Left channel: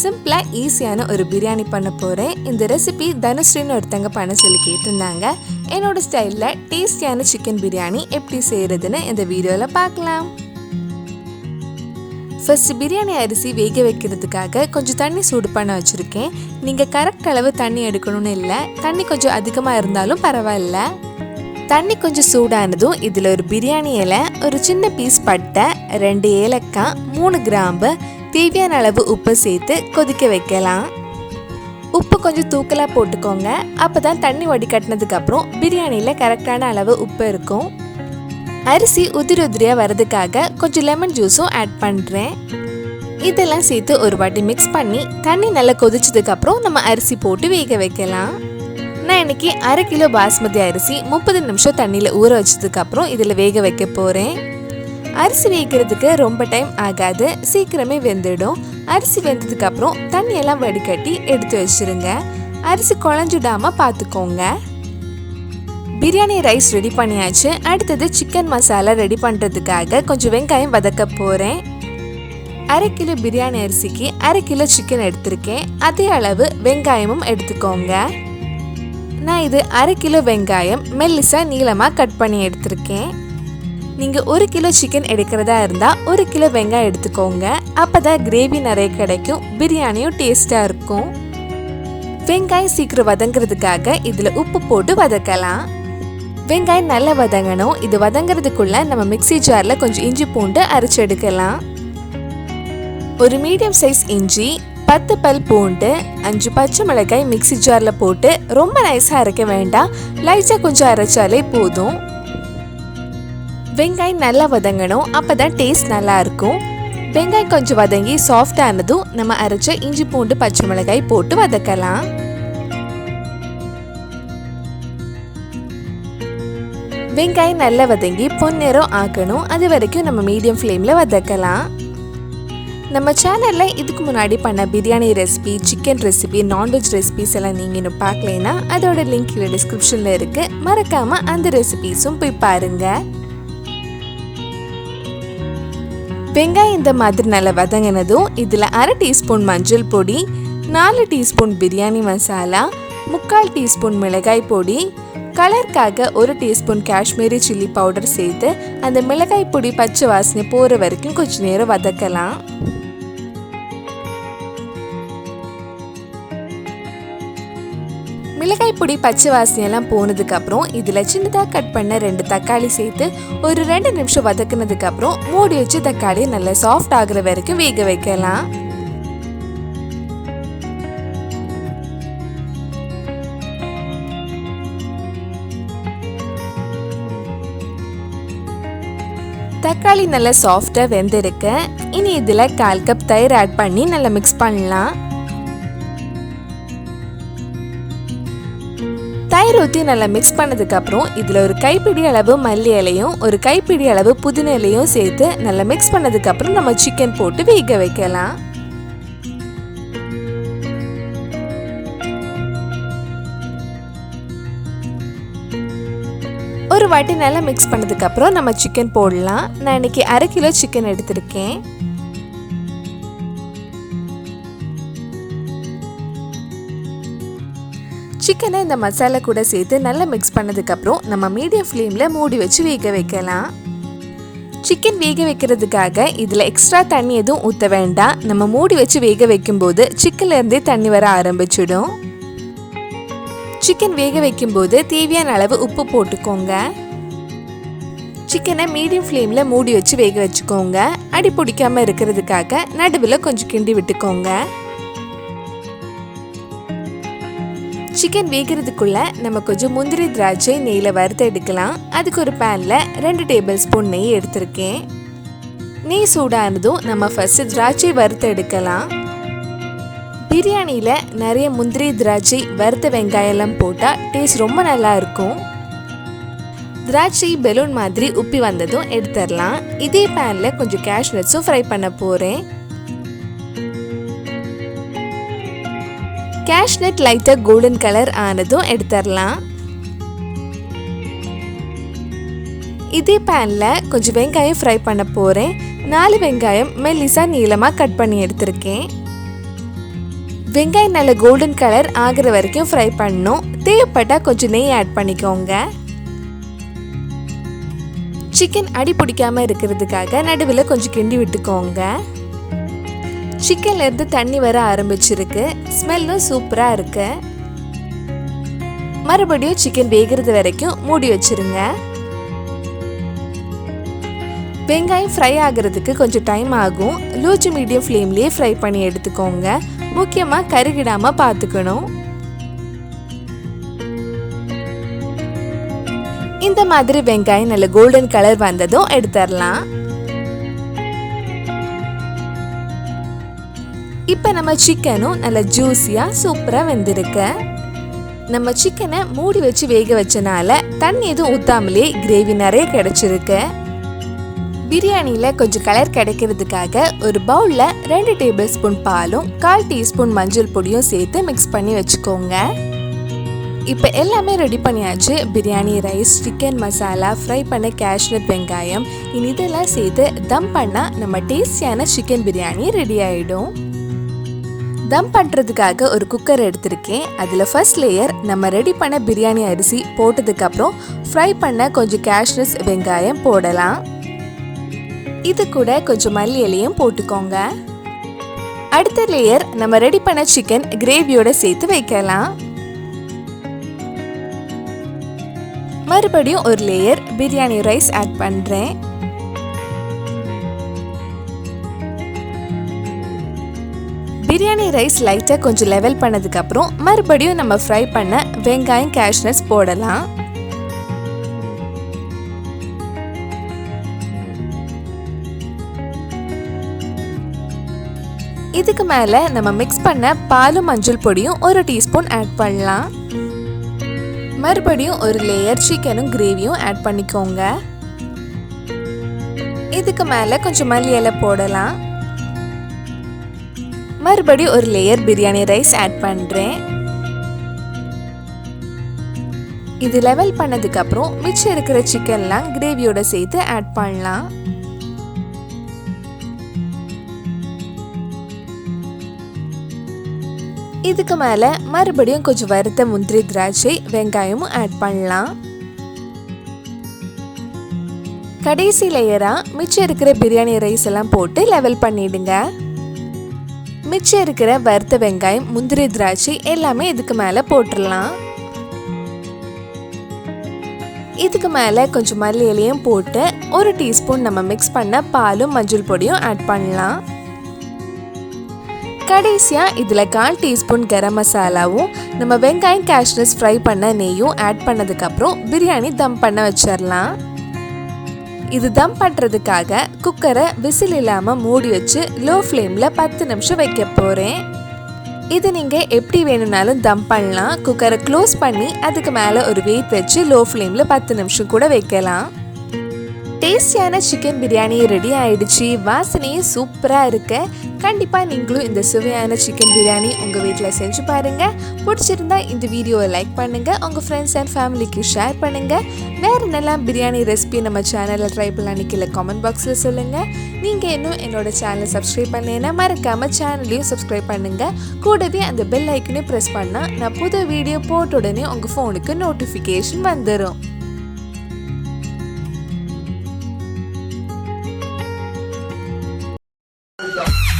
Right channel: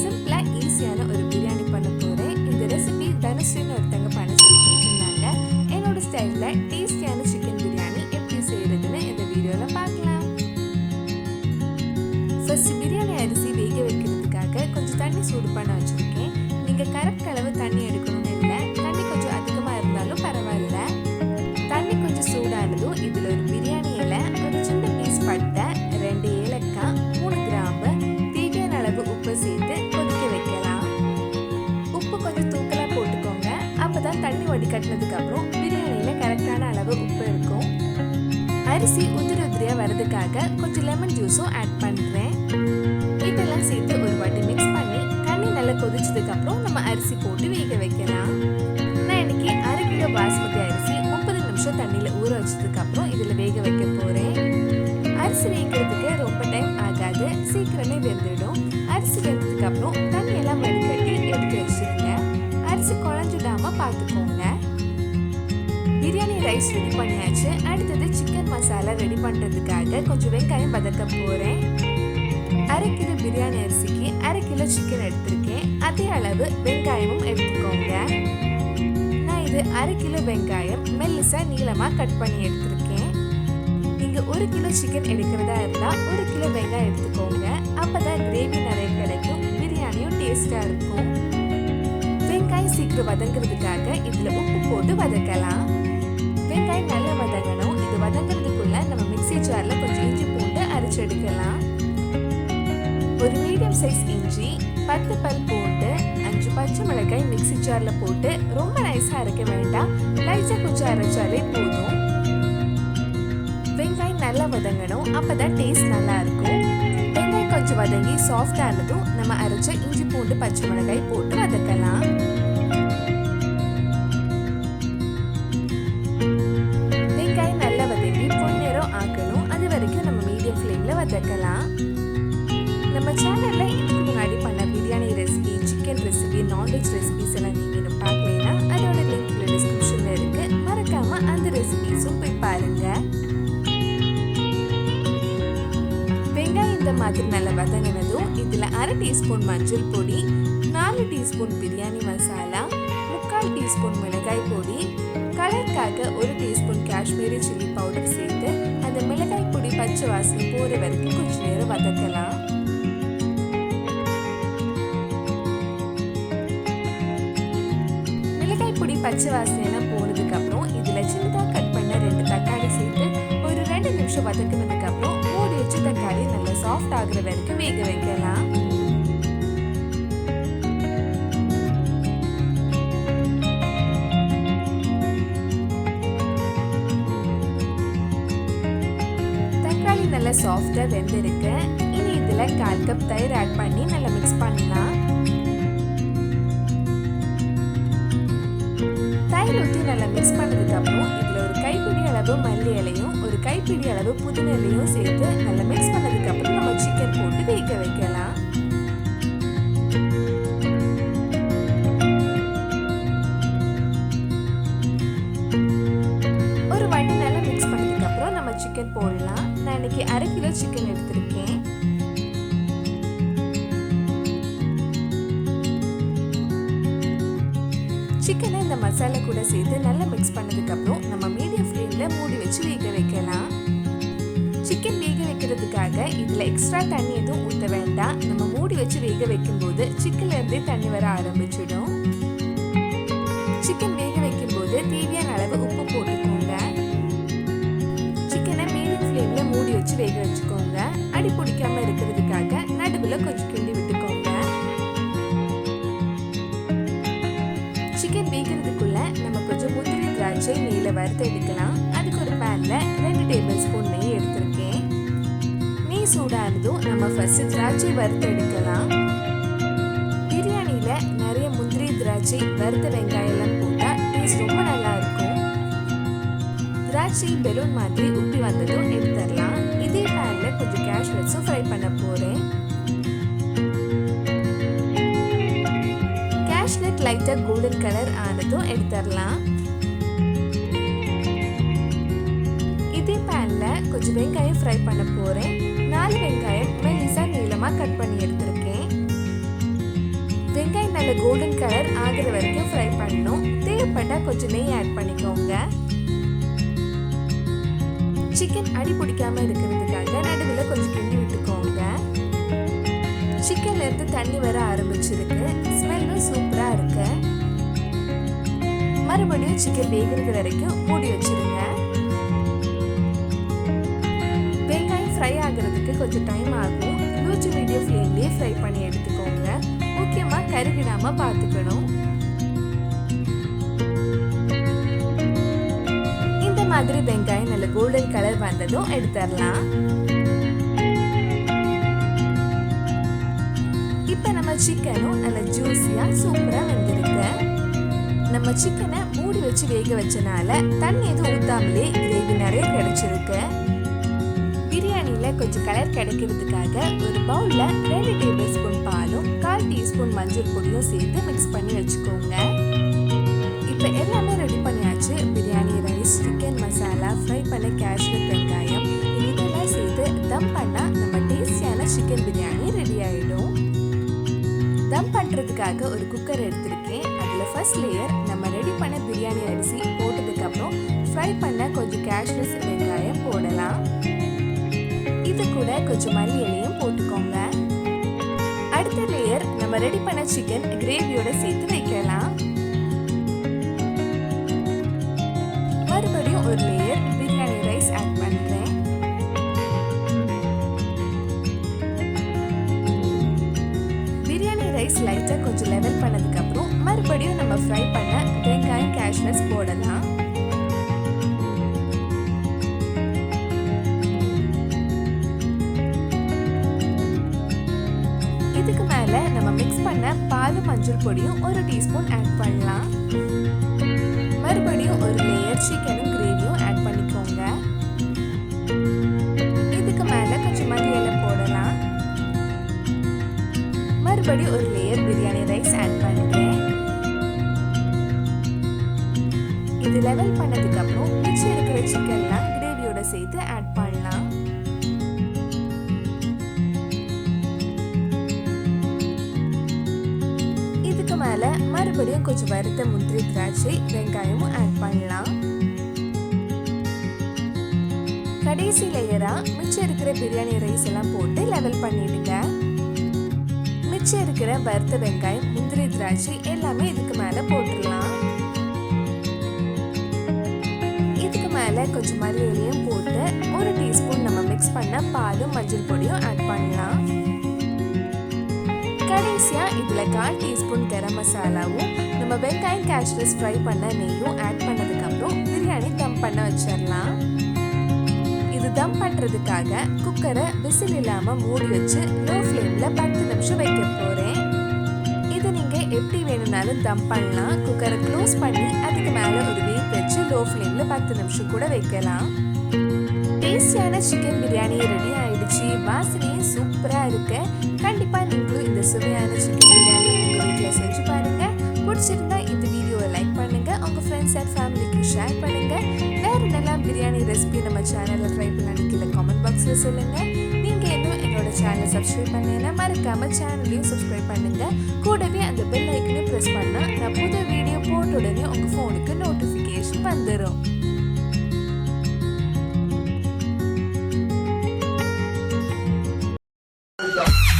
சிம்பிளா ஈஸியான ஒரு பிரியாணி பண்ண போறேன். இந்த ரெசிபி தனுஸ்ரீன்னு ஒருத்தங்க பண்ண சொல்லி கேட்டிருந்தாங்க. என்னோட ஸ்டைல்ல டேஸ்டியான சிக்கன் பிரியாணி எப்படி செய்யறதுன்னு இந்த வீடியோல பார்க்கலாம். ஃபர்ஸ்ட் பிரியாணி அரிசி வேக வைக்கிறதுக்காக கொஞ்சம் தண்ணி சூடு பண்ண வச்சிருக்கேன். நீங்க கரெக்ட் அளவு தண்ணி எடுக்கணும்னு இல்லை, தண்ணி கொஞ்சம் அதிகமா இருந்தாலும் பரவாயில்ல. தண்ணி கொஞ்சம் சூடானதும் இதில் ஒரு பிரியாணி இலை, ஒரு சின்ன பீஸ் பட்டை, 2 ஏலக்காய், 3 கிராம்பு, தேவையான அளவு உப்பு சேர்த்து கொதிக்க வைக்கலாம். உப்பு கொஞ்சம் தூக்கலாக போட்டுக்கோங்க, அப்போ தான் தண்ணி வடிகட்டினதுக்கு அப்புறம் பிரியாணியில் கரெக்டான அளவு உப்பு இருக்கும். அரிசி உதிரி உதிரியாக வர்றதுக்காக கொஞ்சம் லெமன் ஜூஸும் ஆட் பண்ணுறேன். இதெல்லாம் சேர்த்து ஒரு வாட்டி மிக்ஸ் பண்ணி தண்ணி நல்லா கொதிச்சதுக்கு அப்புறம் நம்ம அரிசி போட்டு வேக வைக்கலாம். நான் இன்னைக்கு 1/2 கிலோ பாஸ்மதி அரிசி 30 நிமிஷம் தண்ணியில் ஊற வச்சதுக்கு அப்புறம் இதில் வேக வைக்க போகிறேன். அரிசி வேகிறதுக்கு ரொம்ப டைம் ஆகாது, சீக்கிரமே வெந்துடும். அரிசி வெந்ததுக்கு அப்புறம் தண்ணியெல்லாம் வடிகட்டி எடுத்து வச்சிருங்க. அரிசி குழஞ்சிடாம பார்த்துக்கோங்க. பிரியாணி ரைஸ் ரெடி பண்ணியாச்சு. அடுத்தது சிக்கன் மசாலா ரெடி பண்ணுறதுக்காக கொஞ்சம் வெங்காயம் வதக்க போகிறேன். 1/2 கிலோ பிரியாணி அரிசிக்கு 1/2 கிலோ சிக்கன் எடுத்திருக்கேன். அதே அளவு வெங்காயமும் எடுத்துக்கோங்க. நான் இது 1/2 கிலோ வெங்காயம் மெல்லிசா நீளமாக கட் பண்ணி எடுத்திருக்கேன். நீங்கள் 1 கிலோ சிக்கன் எடுக்கிறதா இருந்தால் 1 கிலோ வெங்காயம் எடுத்துக்கோங்க. அப்போ தான் கிரேவி நிறைய கிடைக்கும், பிரியாணியும் டேஸ்ட்டாக இருக்கும். வெங்காயம் சீக்கிரம் வதங்கிறதுக்காக இதில் உப்பு போட்டு வதக்கலாம். வெங்காயம் நல்லா வதங்கணும். இது வதங்கிறதுக்குள்ள நம்ம மிக்ஸி ஜாரில் கொஞ்சம் இஞ்சி பூண்டு அரைச்சி எடுக்கலாம். ஒரு மீடியம் சைஸ் இஞ்சி, 10 பல் பூண்டு, 5 பச்சை மிளகாய் மிக்ஸி ஜாரில் போட்டு ரொம்ப நைஸாக அரைக்க வேண்டாம், லைட்டாக கொஞ்சம் அரைச்சாலே போதும். வெங்காயம் நல்லா வதங்கணும், அப்பதான் டேஸ்ட் நல்லா இருக்கும். வெங்காயம் கொஞ்சம் வதங்கி சாஃப்ட் ஆனதும் நம்ம அரைச்ச இஞ்சி பூண்டு பச்சை மிளகாய் போட்டு வதக்கலாம். வெங்காயம் நல்லா வதங்கி பொன்னிறம் ஆக்கணும், அது வரைக்கும் நம்ம மீடியம் ஃப்ளேம்ல வதக்கலாம். நம்ம சேனல்ல இதுக்கு முன்னாடி பண்ண biryani recipe, chicken recipe, non veg recipes எல்லாம் நீங்க இன்னும் பார்க்கலைன்னா அதோட லிங்க் கீழே டிஸ்கிரிப்ஷன்ல இருக்கு, மறக்காம அந்த ரெசிபிஸும் போய் பாருங்க. வெங்காயம் இந்த மாதிரி நல்லா வதங்கினதும் இதில் 1/2 டீஸ்பூன் மஞ்சள் பொடி, 4 டீஸ்பூன் பிரியாணி மசாலா, 3/4 டீஸ்பூன் மிளகாய் பொடி, கலருக்காக 1 டீஸ்பூன் காஷ்மீரி சில்லி பவுடர் சேர்த்து அந்த மிளகாய் பொடி பச்சை வாசனை போகிற வரைக்கும் கொஞ்சம் நேரம் வதக்கலாம். மிளகாய் பொடி பச்சை வாசனையெல்லாம் போனதுக்கு அப்புறம் இதில் சின்னதாக கட் பண்ண 2 தக்காளி சேர்த்து ஒரு 2 நிமிஷம் வதக்குனதுக்கு அப்புறம் மூடி வச்சு தக்காளி நல்லா சாஃப்ட் ஆகுற வரைக்கும் வேக வைக்கலாம். தக்காளி நல்லா சாஃப்டா வெந்திருக்கு. இனி இதில் 1/4 கப் தயிர் ஆட் பண்ணி நல்லா மிக்ஸ் பண்ணலாம். தயிர் ஊற்றி நல்லா மிக்ஸ் பண்ணதுக்கு அப்புறம் இதில் ஒரு கைப்பிடி அளவு மல்லி இலையும் ஒரு கைப்பிடி அளவு புதினா இலையும் சேர்த்து நல்லா மிக்ஸ் பண்ணதுக்கு அப்புறம் நம்ம சிக்கன் போட்டு வேக வைக்கலாம். ஒரு வாட்டி நல்லா மிக்ஸ் பண்ணதுக்கு அப்புறம் நம்ம சிக்கன் போடலாம். நான் இன்னைக்கு 1/2 கிலோ சிக்கன் எடுத்திருக்கேன். சிக்கனை இந்த மசாலா கூட சேர்த்து நல்லா மிக்ஸ் பண்ணதுக்கு அப்புறம் நம்ம மீடியம் ஃப்ளேம்ல மூடி வச்சு வேக வைக்கலாம். சிக்கன் வேக வைக்கிறதுக்காக இதுல எக்ஸ்ட்ரா தண்ணி எதுவும் ஊற்ற வேண்டாம். நம்ம மூடி வச்சு வேக வைக்கும் போது சிக்கன்ல இருந்தே தண்ணி வர ஆரம்பிச்சிடும். சிக்கன் வேக வைக்கும் போது தேவையான அளவு உப்பு போட்டுக்கோங்க. சிக்கனை மீடியம் ஃப்ளேம்ல மூடி வச்சு வேக வச்சுக்கோங்க. அடி பிடிக்காம இருக்கிறதுக்காக நடுவில் கொஞ்சம் கிண்டி விட்டுக்கோங்க. சிக்கன் வேகிறதுக்குள்ள நம்ம கொஞ்சம் முந்திரி திராட்சை நெய்யில் வறுத்து எடுக்கலாம். அதுக்கு ஒரு பேன்ல 2 டேபிள் ஸ்பூன் நெய் எடுத்திருக்கேன். நெய் சூடானதும் நம்ம ஃபர்ஸ்ட் திராட்சை வறுத்து எடுக்கலாம். பிரியாணியில் நிறைய முந்திரி திராட்சை வறுத்த வெங்காயம் எல்லாம் போட்டால் டேஸ்ட் ரொம்ப நல்லா இருக்கும். திராட்சை பெலூன் மாதிரி உப்பி வந்ததும் எடுத்துடலாம். இதே பேனில் கொஞ்சம் கேஷ்யூஸும் ஃப்ரை பண்ண போகிறேன். கேஷ்நட் லைட்டாக கோல்டன் கலர் ஆனதும் எடுத்துடலாம். இதே பேனில் கொஞ்சம் வெங்காயம் ஃப்ரை பண்ண போகிறேன். 4 வெங்காயம் மெல்லிசா நீளமாக கட் பண்ணி எடுத்திருக்கேன். வெங்காயம் நல்ல கோல்டன் கலர் ஆகிற வரைக்கும் ஃப்ரை பண்ணணும். தேவைப்பட்டா கொஞ்சம் நெய் ஆட் பண்ணிக்கோங்க. சிக்கன் அடி பிடிக்காம இருக்கிறதுக்காக நடுவில் கொஞ்சம் கிண்டி விட்டுக்கோங்க. சிக்கன்ல இருந்து தண்ணி வர ஆரம்பிச்சிருக்கு. ஸ்மெல்லும் சூப்பரா இருக்கு. மறுபடியும் சிக்கன் வேகிறது வரைக்கும் மூடி வச்சிருங்க. வெங்காயம் ஃப்ரை ஆகிறதுக்கு கொஞ்சம் டைம் ஆகும். லோ டு மீடியம் ஃப்ளேம்லேயே ஃப்ரை பண்ணி எடுத்துக்கோங்க. முக்கியமாக கருகிடாமல் பார்த்துக்கணும். இந்த மாதிரி வெங்காயம் நல்ல கோல்டன் கலர் வந்ததும் எடுத்துடலாம். இப்போ நம்ம சிக்கனும் நல்ல ஜூஸியாக சூப்பராக வெந்திருக்கு. நம்ம சிக்கனை மூடி வச்சு வேக வச்சனால தண்ணி எதுவும் ஊற்றாமலே கிரேவி நிறைய கிடைச்சிருக்கு. பிரியாணியில் கொஞ்சம் கலர் கிடைக்கிறதுக்காக ஒரு பவுலில் 2 டேபிள் ஸ்பூன் பாலும் 1/4 டீஸ்பூன் மஞ்சள் பொடியும் சேர்த்து மிக்ஸ் பண்ணி வச்சுக்கோங்க. இப்போ எல்லாமே ரெடி பண்ணியாச்சு. Biryani rice, chicken masala, fry பண்ண கேஷ்யூ வெங்காயம், இதெல்லாம் சேர்த்து தம் பண்ணால் நம்ம டேஸ்டியான சிக்கன் பிரியாணி ரெடி ஆகிடும். தம் பண்ணுறதுக்காக ஒரு குக்கர் எடுத்திருக்கேன். அதில் ஃபர்ஸ்ட் லேயர் நம்ம ரெடி பண்ண பிரியாணி அரிசி போட்டதுக்கப்புறம் ஃப்ரை பண்ண கொஞ்சம் கேஷ்யூ வெங்காயம் போடலாம். இது கூட கொஞ்சம் மல்லி இலையும் போட்டுக்கோங்க. அடுத்த லேயர் நம்ம ரெடி பண்ண சிக்கன் கிரேவியோட சேர்த்து வைக்கலாம். மறுபடியும் ஒரு லேயர் பிரியாணி ரைஸ் ஆட் பண்றேன். பிரியாணி ரைஸ் லைட்டா கொஞ்சம் லெவல் பண்ணதுக்கு அப்புறம் மறுபடியும் நம்ம ஃப்ரை பண்ண வெங்காயம் கேஷ்யூஸ் போடலாம். இதுக்கு மேல நம்ம மிக்ஸ் பண்ண பாலும் மஞ்சள் பொடியும் 1 டீஸ்பூன் ஆட் பண்ணலாம். மறுபடியும் ஒரு லேயர் சிக்கனும் கிரேவியும் ஆட் பண்ணிக்கோங்க. இதுக்கு மேல கொஞ்சம் மல்லி இலை போடலாம். மறுபடியும் ஒரு லேயர் பிரியாணி ரைஸ் ஆட் பண்றேன். இது லெவல் பண்ணதுக்கு அப்புறம் மிச்சம் இருக்கிற சிக்கன்லாம் கிரேவியோட சேர்த்து ஆட் பண்ணலாம். இதுக்கு மேல மறுபடியும் கொஞ்சம் வறுத்த முந்திரி திராட்சை வெங்காயமும் ஆட் பண்ணலாம். கடைசி லேயரா மிச்சம் இருக்கிற பிரியாணி ரைஸ் எல்லாம் போட்டு லெவல் பண்ணிடுங்க. மிச்சம் இருக்கிற வறுத்த வெங்காயம் முந்திரி திராட்சை எல்லாமே இதுக்கு மேல போட்டுடலாம். இதுக்கு மேல கொஞ்சம் மல்லி இலையும் போட்டு 1 டீஸ்பூன் நம்ம மிக்ஸ் பண்ண பாலும் மஞ்சள் பொடியும் ஆட் பண்ணலாம். கடைசியா இதுல 1/4 டீஸ்பூன் கரம் மசாலாவும் நம்ம வெங்காயம் கேஷ்யூஸ் ஃப்ரை பண்ண நெய்யும் ஆட் பண்ணதுக்கு அப்புறம் பிரியாணி தம் பண்ண வச்சிடலாம். இது தம் பண்றதுக்காக குக்கரை விசில் இல்லாம மூடி வச்சு லோ ஃப்ளேம்ல 10 நிமிஷம் வைக்க போறேன். இது நீங்க எப்படி வேணும்னாலும் தம் பண்ணலாம். குக்கரை க்ளோஸ் பண்ணி அதுக்கு மேல ஒரு வெயிட் வச்சு லோ ஃப்ளேம்ல 10 நிமிஷம் கூட வைக்கலாம். டேஸ்டியான சிக்கன் பிரியாணி ரெடி ஆயிடுச்சு. வாசனையும் சூப்பரா இருக்கு. கண்டிப்பா நீங்களும் இந்த சுவையான சிக்கன் பிரியாணி உங்க வீட்டில் செஞ்சு பாருங்க. பிடிச்சிருந்தா இந்த வீடியோவை லைக் பண்ணுங்க, உங்க ஃப்ரெண்ட்ஸ் அண்ட் ஃபேமிலிக்கு ஷேர் பண்ணுங்க. வேற என்னெல்லாம் பிரியாணி ரெசிபி நம்ம சேனல்ல ட்ரை பண்ணலான்னு கீழே கமெண்ட் பாக்ஸ்ல சொல்லுங்க. நீங்க இன்னும் என்னோட சேனலை சப்ஸ்கிரைப் பண்ணேன்னா மறக்காம சேனலையும் சப்ஸ்கிரைப் பண்ணுங்க. கூடவே அந்த பெல் ஐக்கனையும் பிரஸ் பண்ணா நான் புது வீடியோ போட்ட உடனே உங்க போனுக்கு நோட்டிஃபிகேஷன் வந்துடும். Go.